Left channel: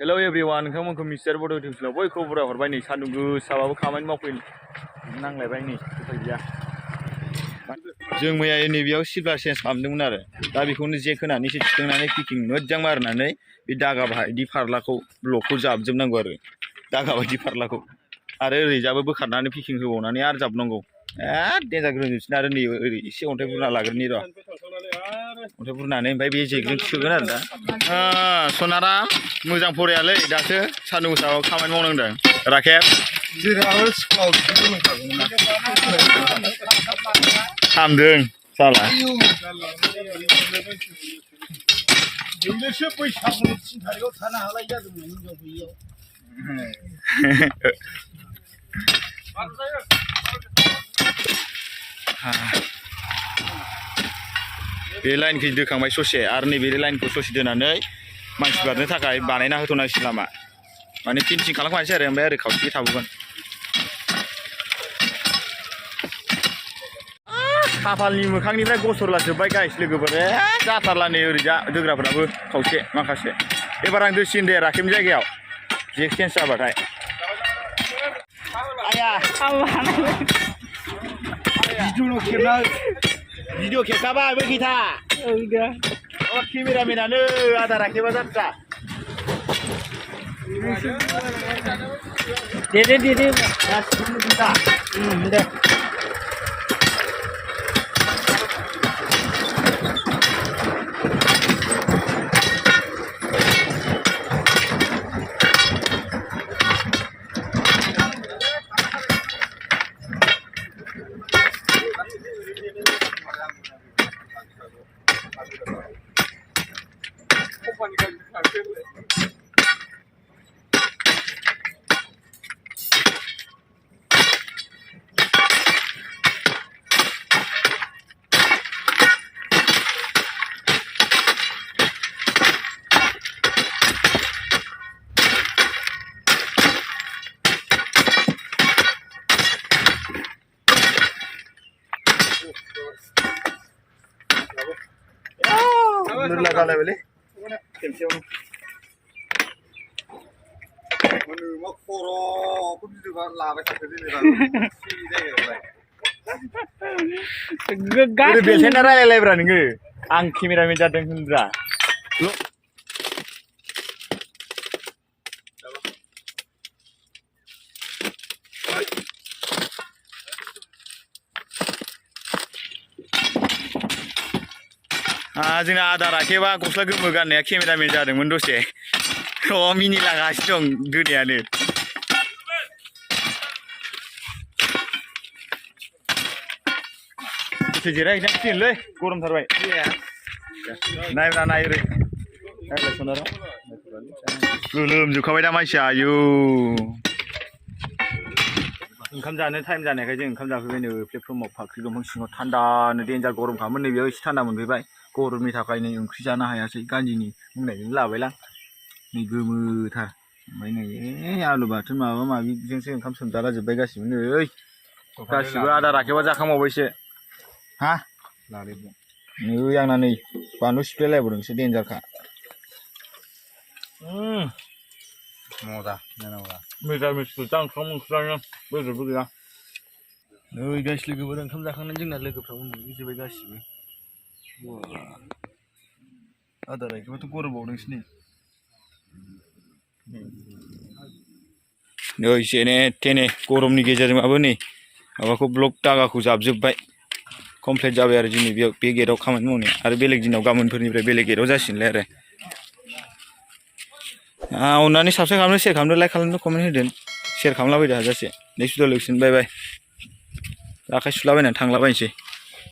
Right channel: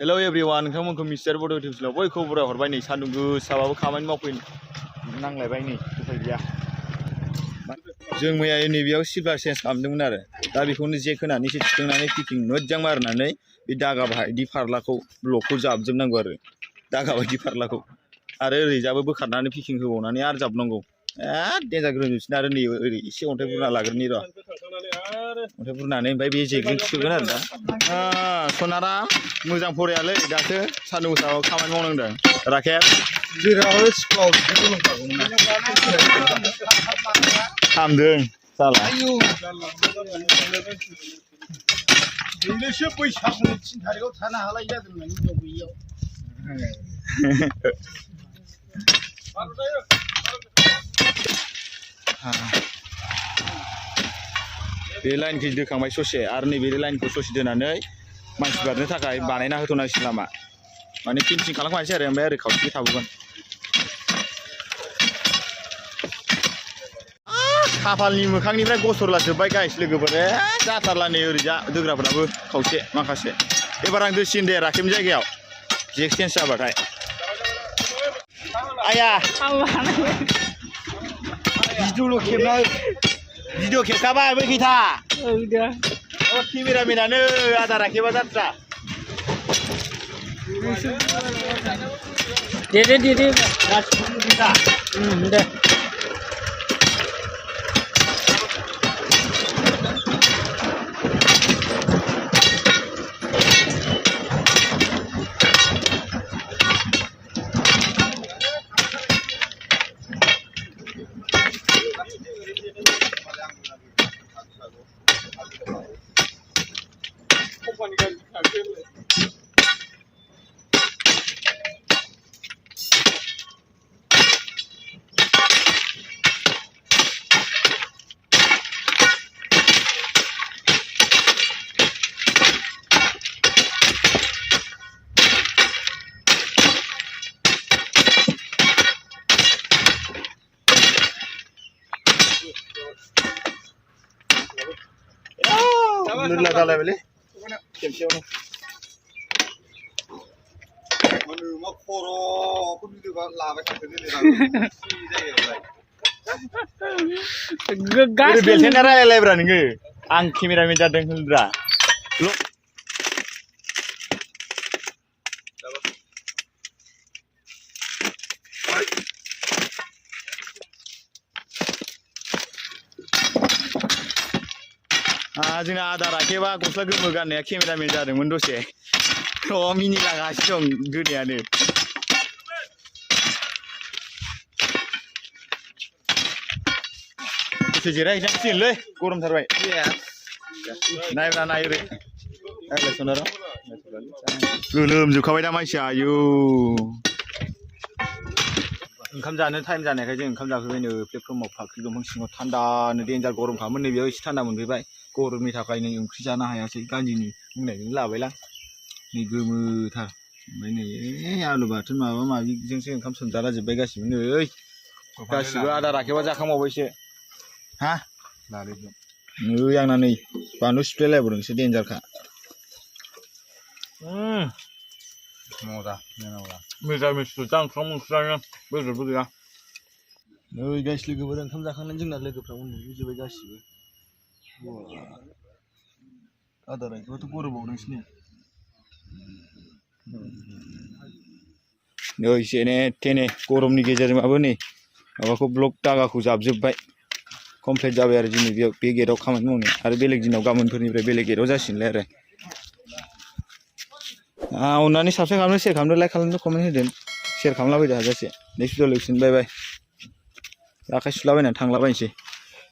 Hello everyone नोंथांमोनखौ mister बड' टिउसनाव बयखौबो बराय हरबाय नै सान्दुं गोसाबाबो खामानि मावफैनो नांलायबाय नै उफाय गैया जों मैया नैबेयाव सिलभार चेन्ज खालामदोंमोन आरो दा बेखौनो जेक होनानैसो थिखांनानै किकिं मोजां मारनानै बे दागा बायदि फारलाखौ ब्लकखौ जाबजोबनांगौ आरो दागा बायदि फारलाखौ आरो ओरैजाबो बोखारनानै पिकिं होबावनानै आरो जाबनांगौ देन्जार ग्रोजोबसिन आरो नै ओरै एसे अन्थाइ बुरना लाग्रोनि र' अन्थाइ बुरनानै ओमफ्राय बे जेकजों थिखोगोन आरो दा सनारा मोजां फरायालै दासो सान्दुं गोसायाव खामानि मावनांदों राखेब हामदों साला जोंनोसो बैसागुनि 3 थारिखआव थानो हालाय जादोंमोन हिनजाव गैयियाव बे लाइनखौ दोखांबाय ससे आरो नैबे लाइनखौ ससे दोनानै मानसि बारनो थाखाय बानायना होथ'नांसिगोन लामा माने फिनिशिं खालामखानोसै आरो ओमफ्राय ओरै खावसे थाबोगोन खाफालनि मोखांनिफ्राय गसरलाजोब्बाय गाइस लोगोफोर जाथारला नै ओरैजा दोग्राफ्राबो खावसे माखासे एबार आं दोसिन दे राखेबनि जायगायाव जेक चेन्ज जाबाथाय आया भिडिअ खेबखाबाय बै गैथा केमेरामेनानो आदा राखेबा जात्रा दे दे Nurla kala beli, kemsiaunu. Manu mak koro, aku di depan laba sampai di dalam. gas. Udah biasanya raya berani nge, ang kamera meja dengan bra. Lo. जोंना आदा राखेबा गस्ला गोमो गाननाया केमेरामेन जादोंमोन दसे मिनि लागासिनो दं दोनायानो दसे जिरायहैनांसिगोनलै गरमथारबाय नायब्रा नाय ओरै गोलोमजोबखाबाय दा मानसिया आयौ ओंखाम जानो टाइम जानायखाय जों ओंखाम जाफैबाय नै प्लेटफर्माव फाख्रि दंफां सिङाव थान्दानो देन्जार गरमखामोन नै बेयाव एसे थान्दा मोनफैबाय गरमनि थाखाय नै ओंख्रि जानो हायासै गान्जिनि बुंनायजों लाबायलां नै गोमोथार ओमफ्राय नै आलु बाथोन माबा माबिजोंसो ओंखाम सोमजाला जोब्बाय गासिबो नै गासिबो आदा राखेबा जाखांबावबायसो हा नै आंना नै बानलु सिफ्लेलायबावदोंसो देन्जारखा मिरामिसखौ जांख्राम ओंख्रियानो बेदरबो गैया नै गाइस लोगोफोर ओंखाम जाखांनानै जोंना लोगोफ्रा उन्दुजोब्बाय गासिबो आदा राखेबाथ' गरमबावदोंसो नै जेने थेने गरमनि गेजेरजोंबाबो नै माबाखौ ब्लक दागाखौ जाबजोब्बाय कमप्लिट जाबाय आरो दिनै बेयाव बे गेटआव खामानि मावनो आरो बेलेग दिनाव गाबोनफोरनिफ्राय बेलेग गेटआव जासिगोनलाय आरो अन्नानै साबस्क्राइब खालामदो शेयार खालामदो लाइक खालामदो कमेन्ट होदो शेयार खालामलाबायदो हाजासे नेक्स्ट भिडिअ लोगोसेनो बाय बाय आखाइ सुलाबायनानै थांलाबायनोसै